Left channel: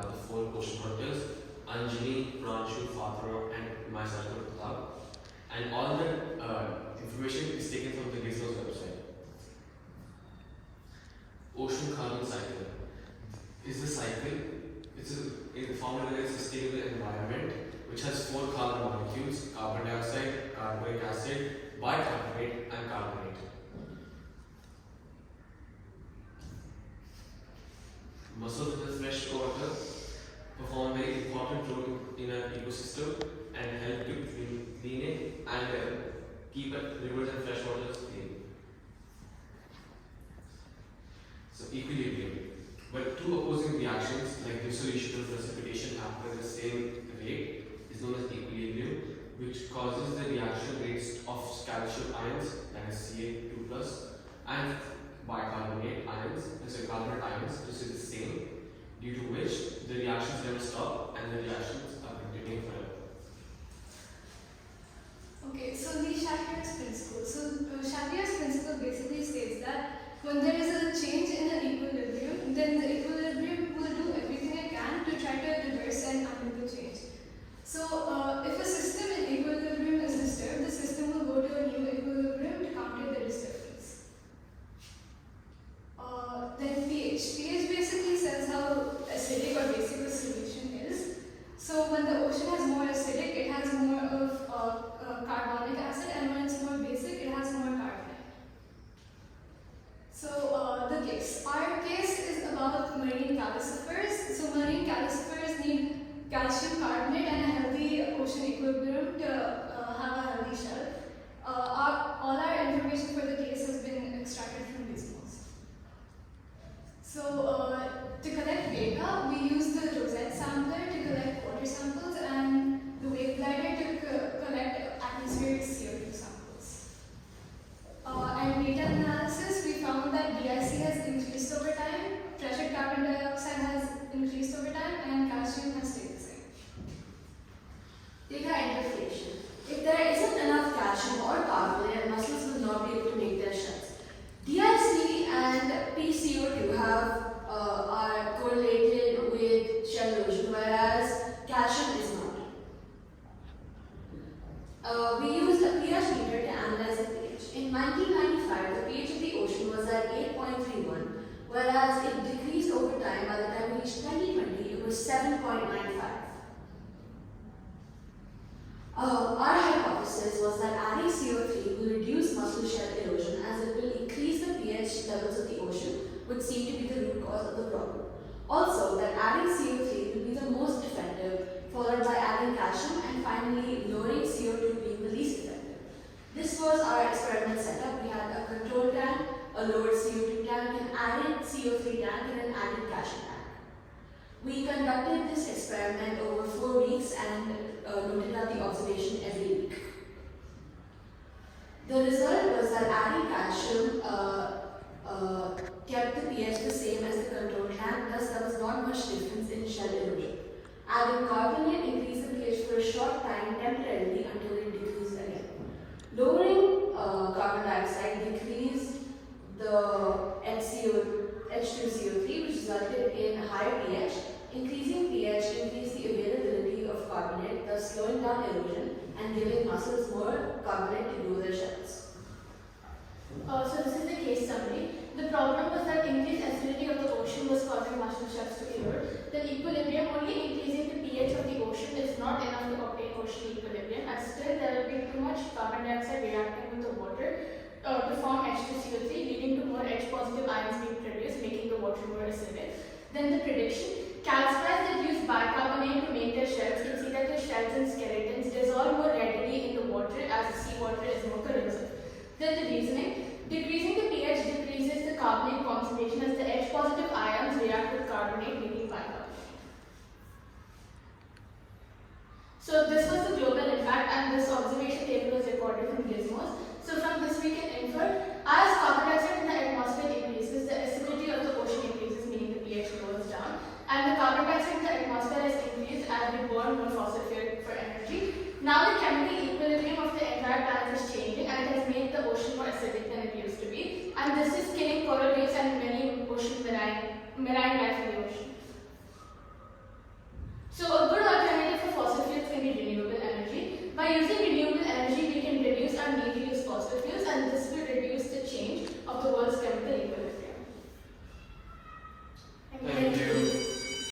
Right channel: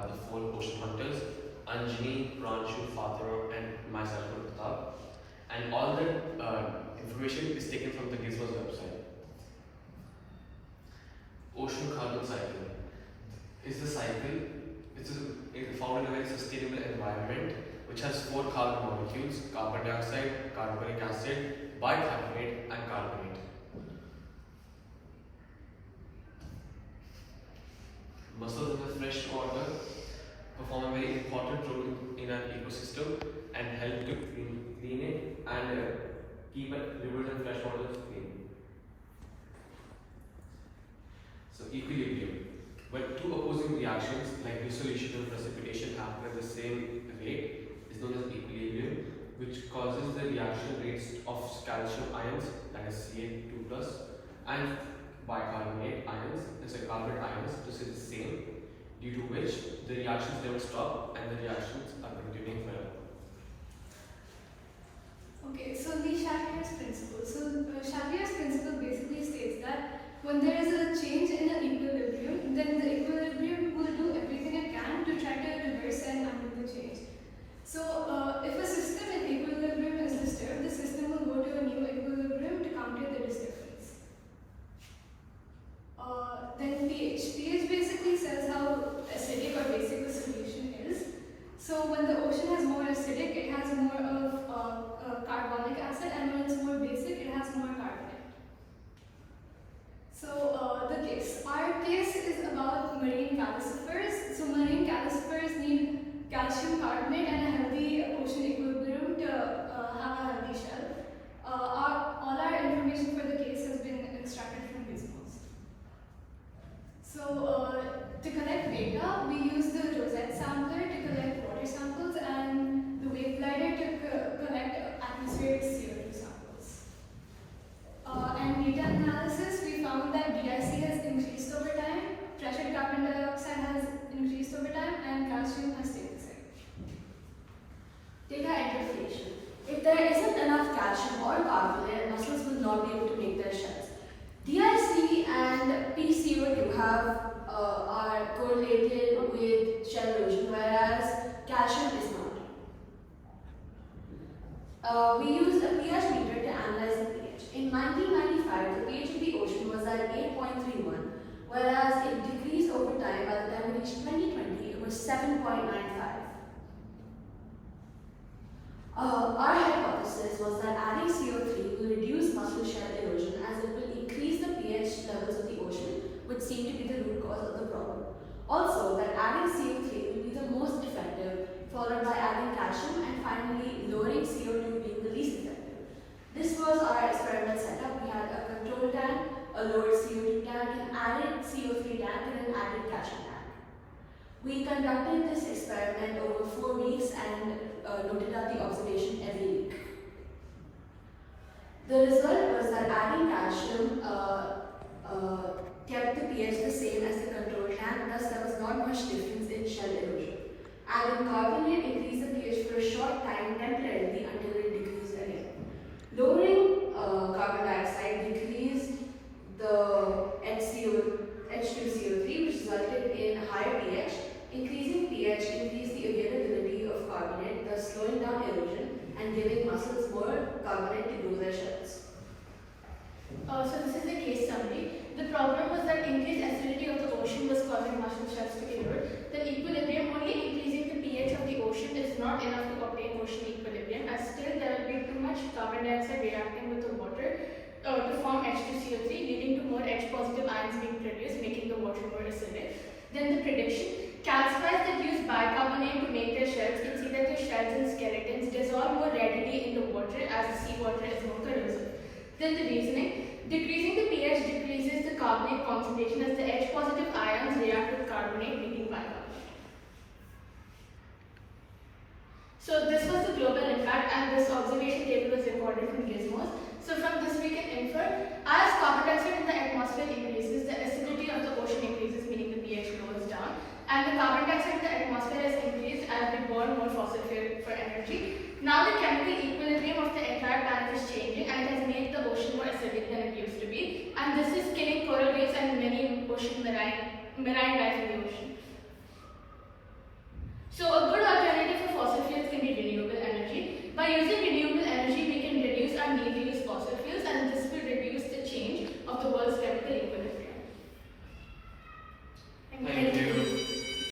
by the four ocean hunters, Anjali, Pranshu, Fatira, and myself, Pratap. And all the information is taken from the Gizmo's website. Ocean carbon cycle is the cycle. It's found in a very sustainable environment which has four carbon molecules: carbon dioxide, carbonic acid, bicarbonate, and carbonate. Mussels in the fresh water perform a very important role in our ecosystem and help to clean it and keep rivers and fresh water clean. So equilibrium. When two opposing reactions like dissolution and precipitation happen at the same rate is known as equilibrium, which causes the reaction rates of calcium ions, that is Ca2+, and bicarbonate ions, carbonate ions, to stay the same, due to which the reactions never stop and the reactions are continuing forever. Okay, so the Chatrier's principle. So Chatrier's principle basically states that when there is a change in the equilibrium, then the equilibrium will do everything it can to try to reverse and undo the change. So if a system in equilibrium is disturbed, the system will go to a new equilibrium to counter the disturbance. Then pH. pH basically says how acidic or basic the solution is. So when the ocean is more acidic, it has more of carbonic acid, and when it's more basic, it has more carbonate. So the case. Our case is about marine calcifers. So marine calcifers need calcium carbonate and a healthy ocean equilibrium to have a healthy shell. All our information for the case has been extracted from these modes. So to collect data, we use the Rosette sampler to collect water samples and the wave glider to collect atmospheric CO2 samples. And data analysis, we found that DIC has increased over time, pressured carbon dioxide has increased over time, and calcium has stayed the same. Data interflation. If there isn't enough calcium or carbonate, mussels will not be able to make their shells. DIC and PCO2 are correlated with shell erosion, whereas calcium is not. We used a pH meter to analyze the pH. In 1995, the pH of the ocean was at 8.31, whereas it decreased over time. By the time we reached 2020, it was 7.95. Our hypothesis was that adding CO3 will reduce mussel shell erosion as it will increase the pH levels of the ocean, which seem to be the root cause of the problem. Also, that adding CO3 will be the most effective, followed by adding calcium, and finally lowering CO2 being the least effective. This was our experiment setup. We had a control tank, a lowered CO2 tank, an added CO3 tank, and an added calcium tank. We conducted this experiment over 4 weeks and noted out the observation every week. The result was that adding calcium kept the pH the same as the control tank, thus there was not much difference in shell erosion. Adding carbonate increased the pH for a short time temporarily until it decreased again. Lowering carbon dioxide decreased the H2CO3, which resulted in higher pH. Increasing pH increased the availability of carbonate, thus slowing down erosion and giving mussels more carbonate to grow their shells. So this is the case summary. The problem was that increased acidity of the ocean was causing mussel shells to erode. The equilibrium, only increasing the pH of the ocean is not enough to obtain ocean equilibrium, as still there will be too much carbon dioxide reacting with the water to form H2CO3, leading to more H-positive ions being produced, making the water more acidic. Then the prediction. Calcifiers that use bicarbonate to make their shells can see that the shells and skeletons dissolve more readily in the water as the seawater is more corrosive. Then the reasoning. Decreasing the pH decreases the carbonate concentration as the H-positive ions react with carbonate, making bicarbonate. So this was the global impact, and this observation table was recorded from Gizmos. So from this we can infer, as carbon dioxide in the atmosphere increases, the acidity of the ocean increases, meaning the pH goes down, and the carbon dioxide in the atmosphere has increased as we burn more fossil fuel for energy. Now the chemical equilibrium of the entire planet is changing, and it has made the ocean more acidic than it used to be, and this is killing coral reefs and many ocean marine life in the ocean. So a good alternative for fossil fuels can be renewable energy. By using